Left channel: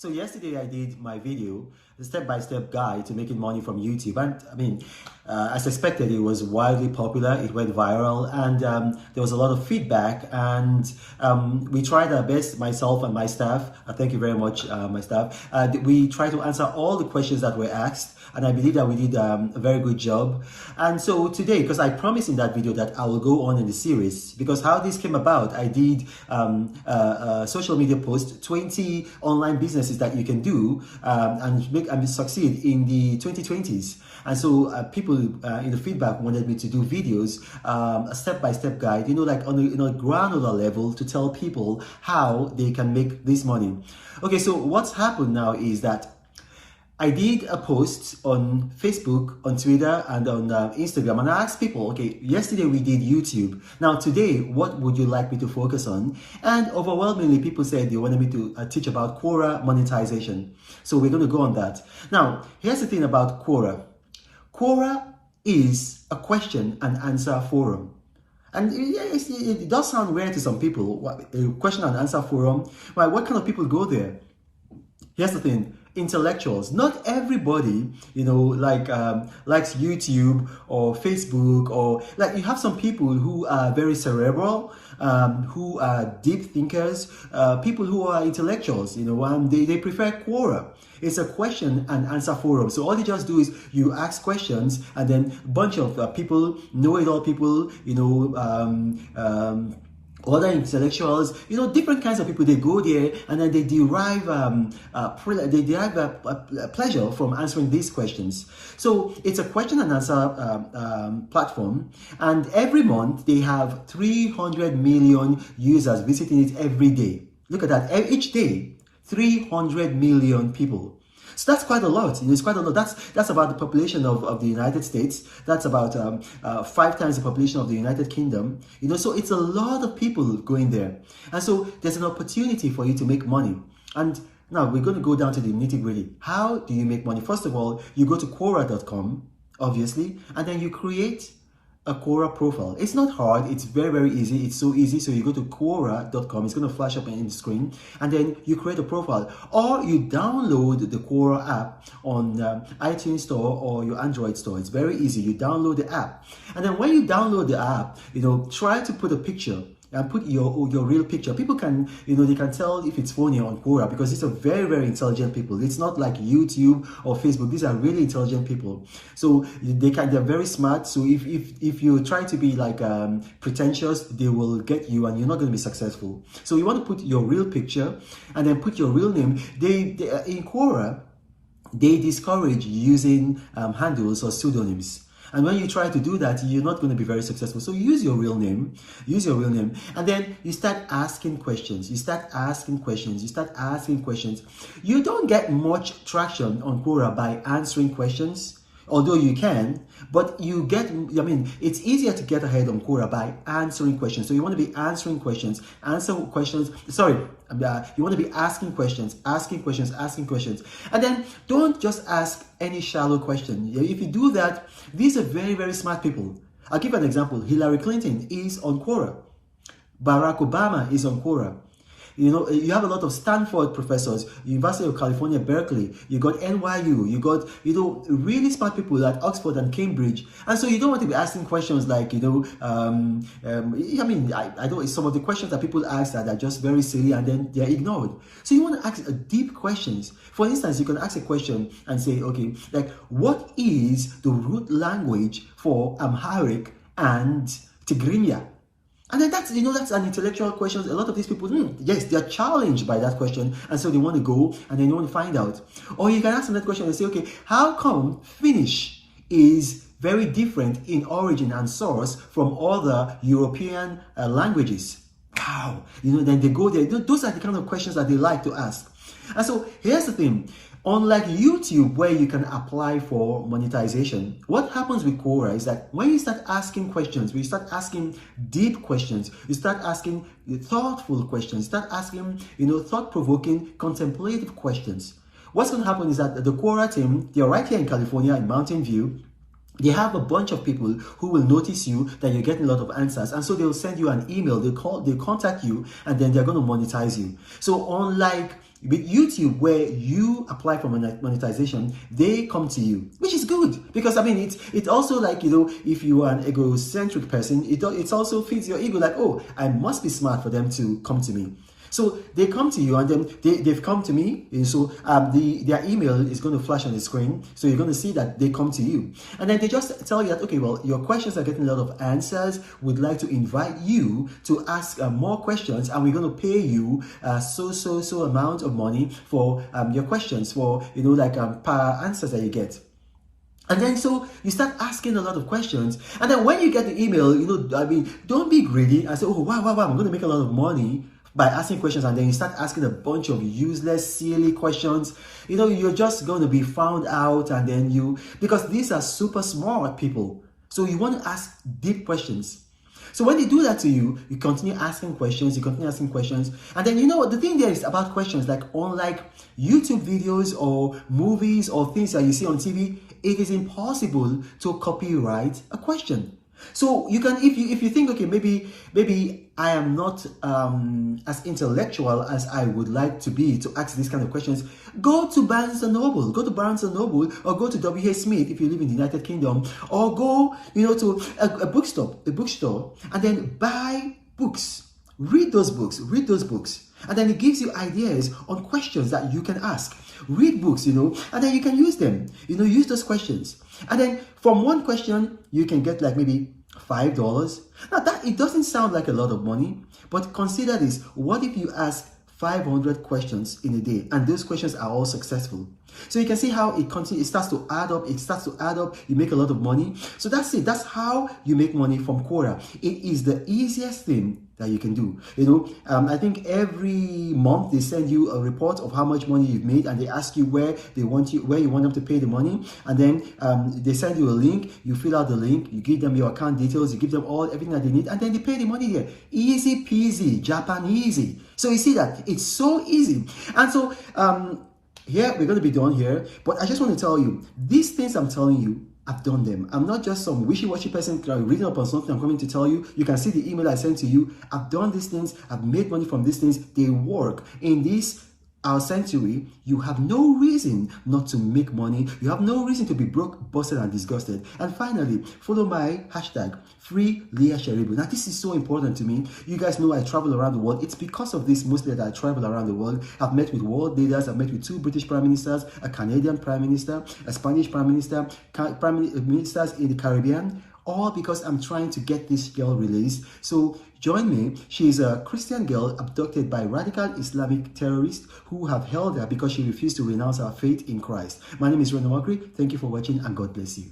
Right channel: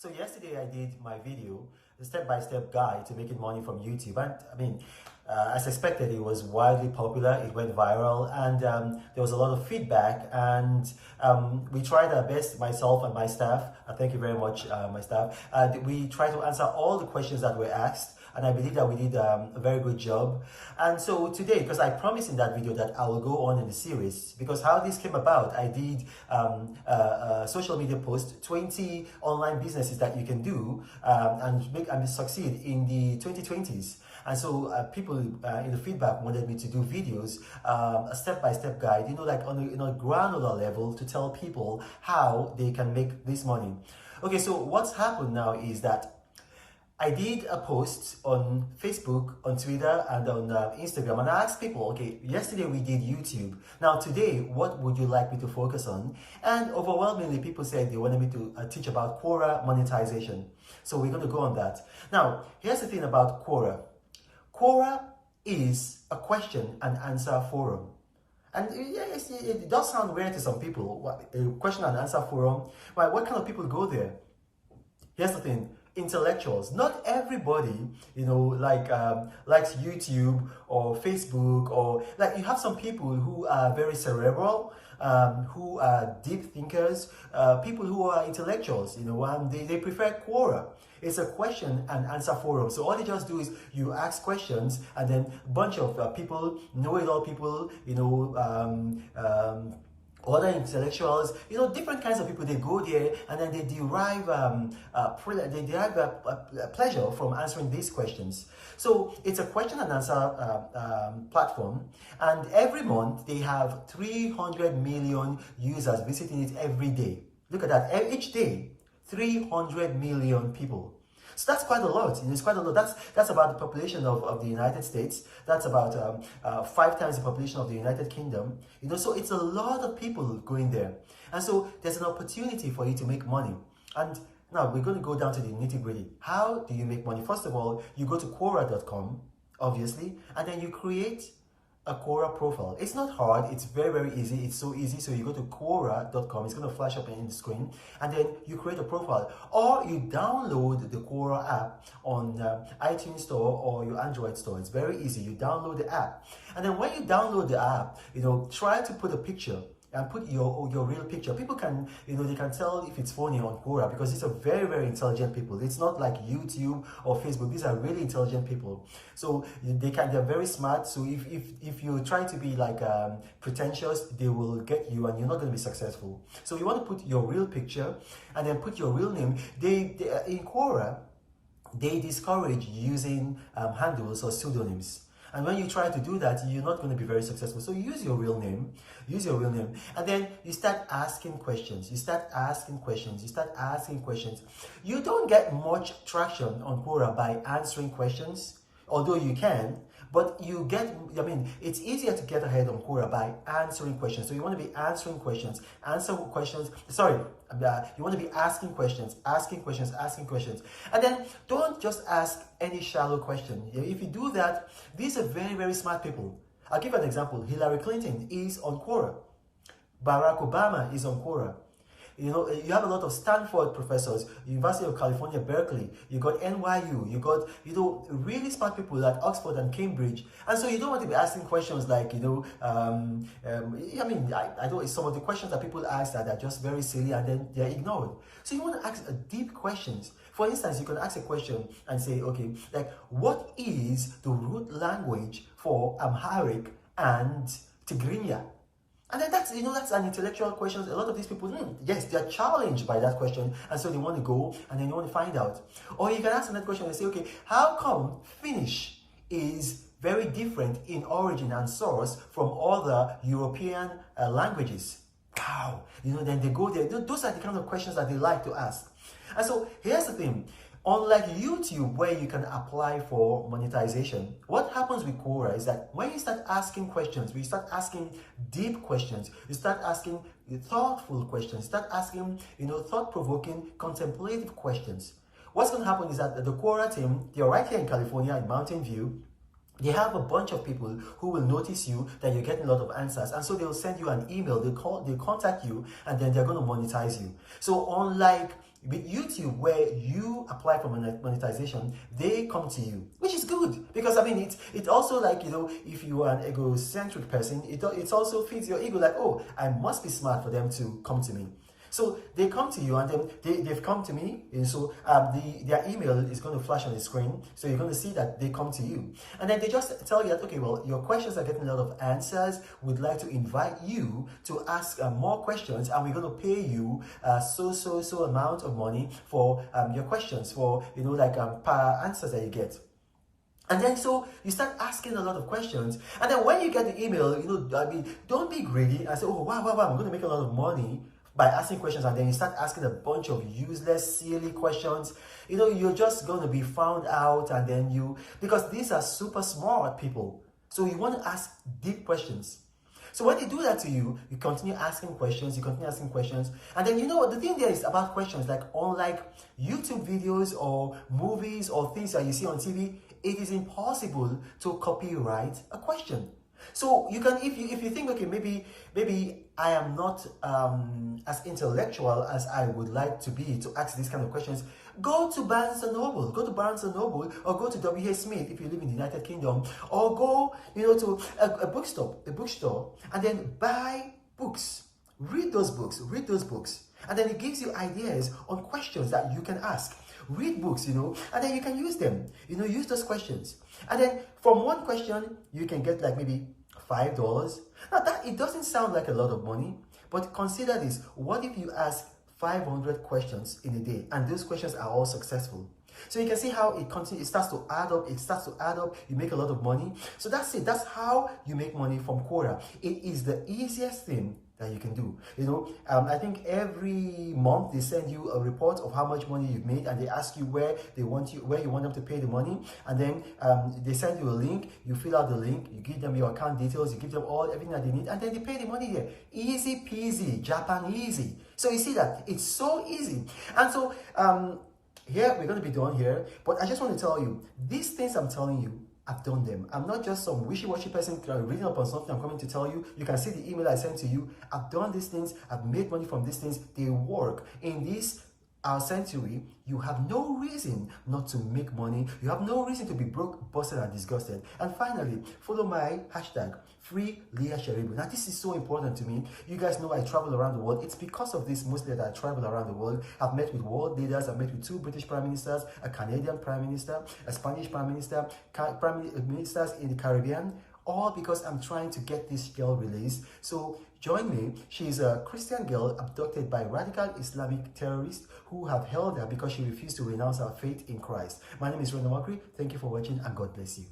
So yesterday I did my video, the step-by-step guide to making money from YouTube. And I mean, as expected, it was wildly popular. It went viral, and there was a lot of feedback. And we tried our best, myself and my staff. Thank you very much, my staff. We tried to answer all the questions that were asked, and I believe that we did a very good job. And so today, because I promised in that video that I will go on in the series, because how this came about, I did a social media post, 20 online businesses that you can do and make and succeed in the 2020s. And so people in the feedback wanted me to do videos, a step-by-step guide, like on a granular level, to tell people how they can make this money. Okay, so what's happened now is that I did a post on Facebook, on Twitter, and on Instagram, and I asked people, okay, yesterday we did YouTube. Now today, what would you like me to focus on? And overwhelmingly, people said they wanted me to teach about Quora monetization. So we're going to go on that. Now, here's the thing about Quora. Quora is a question and answer forum. And it does sound weird to some people, a question and answer forum. Well, what kind of people go there? Here's the thing. Intellectuals. Not everybody, likes YouTube or Facebook, or like you have some people who are very cerebral, who are deep thinkers, people who are intellectuals, and they prefer Quora. It's a question and answer forum. So all you just do is you ask questions, and then a bunch of people, know-it-all people, other intellectuals, different kinds of people, they go there and then they derive pleasure from answering these questions. So it's a question and answer platform, and every month they have 300 million users visiting it every day. Look at that, each day, 300 million people. So that's quite a lot. It's quite a lot. That's about the population of the United States. That's about 5 times the population of the United Kingdom. So it's a lot of people going there. And so there's an opportunity for you to make money. And now we're going to go down to the nitty-gritty. How do you make money? First of all, you go to Quora.com, obviously, and then you create a Quora profile. It's not hard. It's very, very easy. It's so easy. So you go to Quora.com. It's going to flash up in the screen, and then you create a profile, or you download the Quora app on iTunes Store or your Android store. It's very easy. You download the app, and then when you download the app, try to put a picture. And put your real picture. People can, they can tell if it's phony on Quora, because these are very, very intelligent people. It's not like YouTube or Facebook. These are really intelligent people. So they're very smart. So if you try to be like pretentious, they will get you, and you're not going to be successful. So you want to put your real picture and then put your real name. They in Quora, they discourage using handles or pseudonyms. And when you try to do that, you're not going to be very successful. So use your real name, and then you start asking questions. You start asking questions. You don't get much traction on Quora by answering questions, although you can, but you get, it's easier to get ahead on Quora by answering questions. So you want to be answering questions, you want to be asking questions. And then don't just ask any shallow question. If you do that, these are very, very smart people. I'll give an example. Hillary Clinton is on Quora. Barack Obama is on Quora. You have a lot of Stanford professors, University of California, Berkeley, you got NYU, you got, really smart people at Oxford and Cambridge. And so you don't want to be asking questions like, I don't, some of the questions that people ask that are just very silly and then they're ignored. So you want to ask deep questions. For instance, you can ask a question and say, okay, like, what is the root language for Amharic and Tigrinya? And then that's an intellectual question. A lot of these people, yes, they're challenged by that question, and so they want to go and then they want to find out. Or you can ask another question and say, okay, how come Finnish is very different in origin and source from other European languages? Wow, then they go there. Those are the kind of questions that they like to ask. And so here's the thing. Unlike YouTube, where you can apply for monetization, what happens with Quora is that when you start asking questions, when you start asking deep questions, you start asking thoughtful questions, you start asking, thought-provoking, contemplative questions. What's going to happen is that the Quora team, they're right here in California, in Mountain View. They have a bunch of people who will notice you that you're getting a lot of answers, and so they'll send you an email, they'll contact you, and then they're going to monetize you. So unlike With YouTube, where you apply for monetization, they come to you, which is good, because I mean it's also like, you know, if you are an egocentric person, it also feeds your ego, like, oh, I must be smart for them to come to me. So they come to you, and then they've come to me, and so their email is going to flash on the screen, so you're going to see that they come to you, and then they just tell you that, okay, well, your questions are getting a lot of answers, we'd like to invite you to ask more questions, and we're going to pay you so amount of money for your questions, for, you know, like per answers that you get. And then so you start asking a lot of questions, and then when you get the email, you know, I mean, don't be greedy and say, oh, wow, I'm going to make a lot of money by asking questions, and then you start asking a bunch of useless, silly questions. You know, you're just going to be found out, and then because these are super smart people, so you want to ask deep questions. So when they do that to you, you continue asking questions, and then, you know what, the thing there is about questions, like unlike YouTube videos or movies or things that you see on TV, it is impossible to copyright a question. So you can, if you think, okay, maybe I am not as intellectual as I would like to be to ask these kind of questions, go to Barnes and Noble, or go to W.H. Smith if you live in the United Kingdom, or go, you know, to a bookstore, and then buy books. Read those books, and then it gives you ideas on questions that you can ask. Read books, you know, and then you can use them, you know, use those questions. And then from one question, you can get like maybe $5. Now that, it doesn't sound like a lot of money, but consider this. What if you ask 500 questions in a day, and those questions are all successful? So you can see how it continues, it starts to add up, you make a lot of money. So that's it, that's how you make money from Quora. It is the easiest thing that you can do. You know, I think every month they send you a report of how much money you've made, and they ask you where you want them to pay the money, and then they send you a link, you fill out the link, you give them your account details, you give them everything that they need, and then they pay the money there. Easy peasy, Japanesey. So you see that it's so easy. And so here we're going to be done here, but I just want to tell you, these things I'm telling you, I've done them. I'm not just some wishy-washy person reading up on something I'm coming to tell you. You can see the email I sent to you. I've done these things. I've made money from these things. They work. In this our century, you have no reason not to make money. You have no reason to be broke, busted, and disgusted. And finally, follow my hashtag, #FreeLeahSheribu. Now, this is so important to me. You guys know I travel around the world. It's because of this mostly that I travel around the world. I've met with world leaders. I've met with 2 British prime ministers, a Canadian prime minister, a Spanish prime minister, prime ministers in the Caribbean, all because I'm trying to get this girl released. So join me. She is a Christian girl abducted by radical Islamic terrorists who have held her because she refused to renounce her faith in Christ. My name is Reno Omokri. Thank you for watching, and God bless you.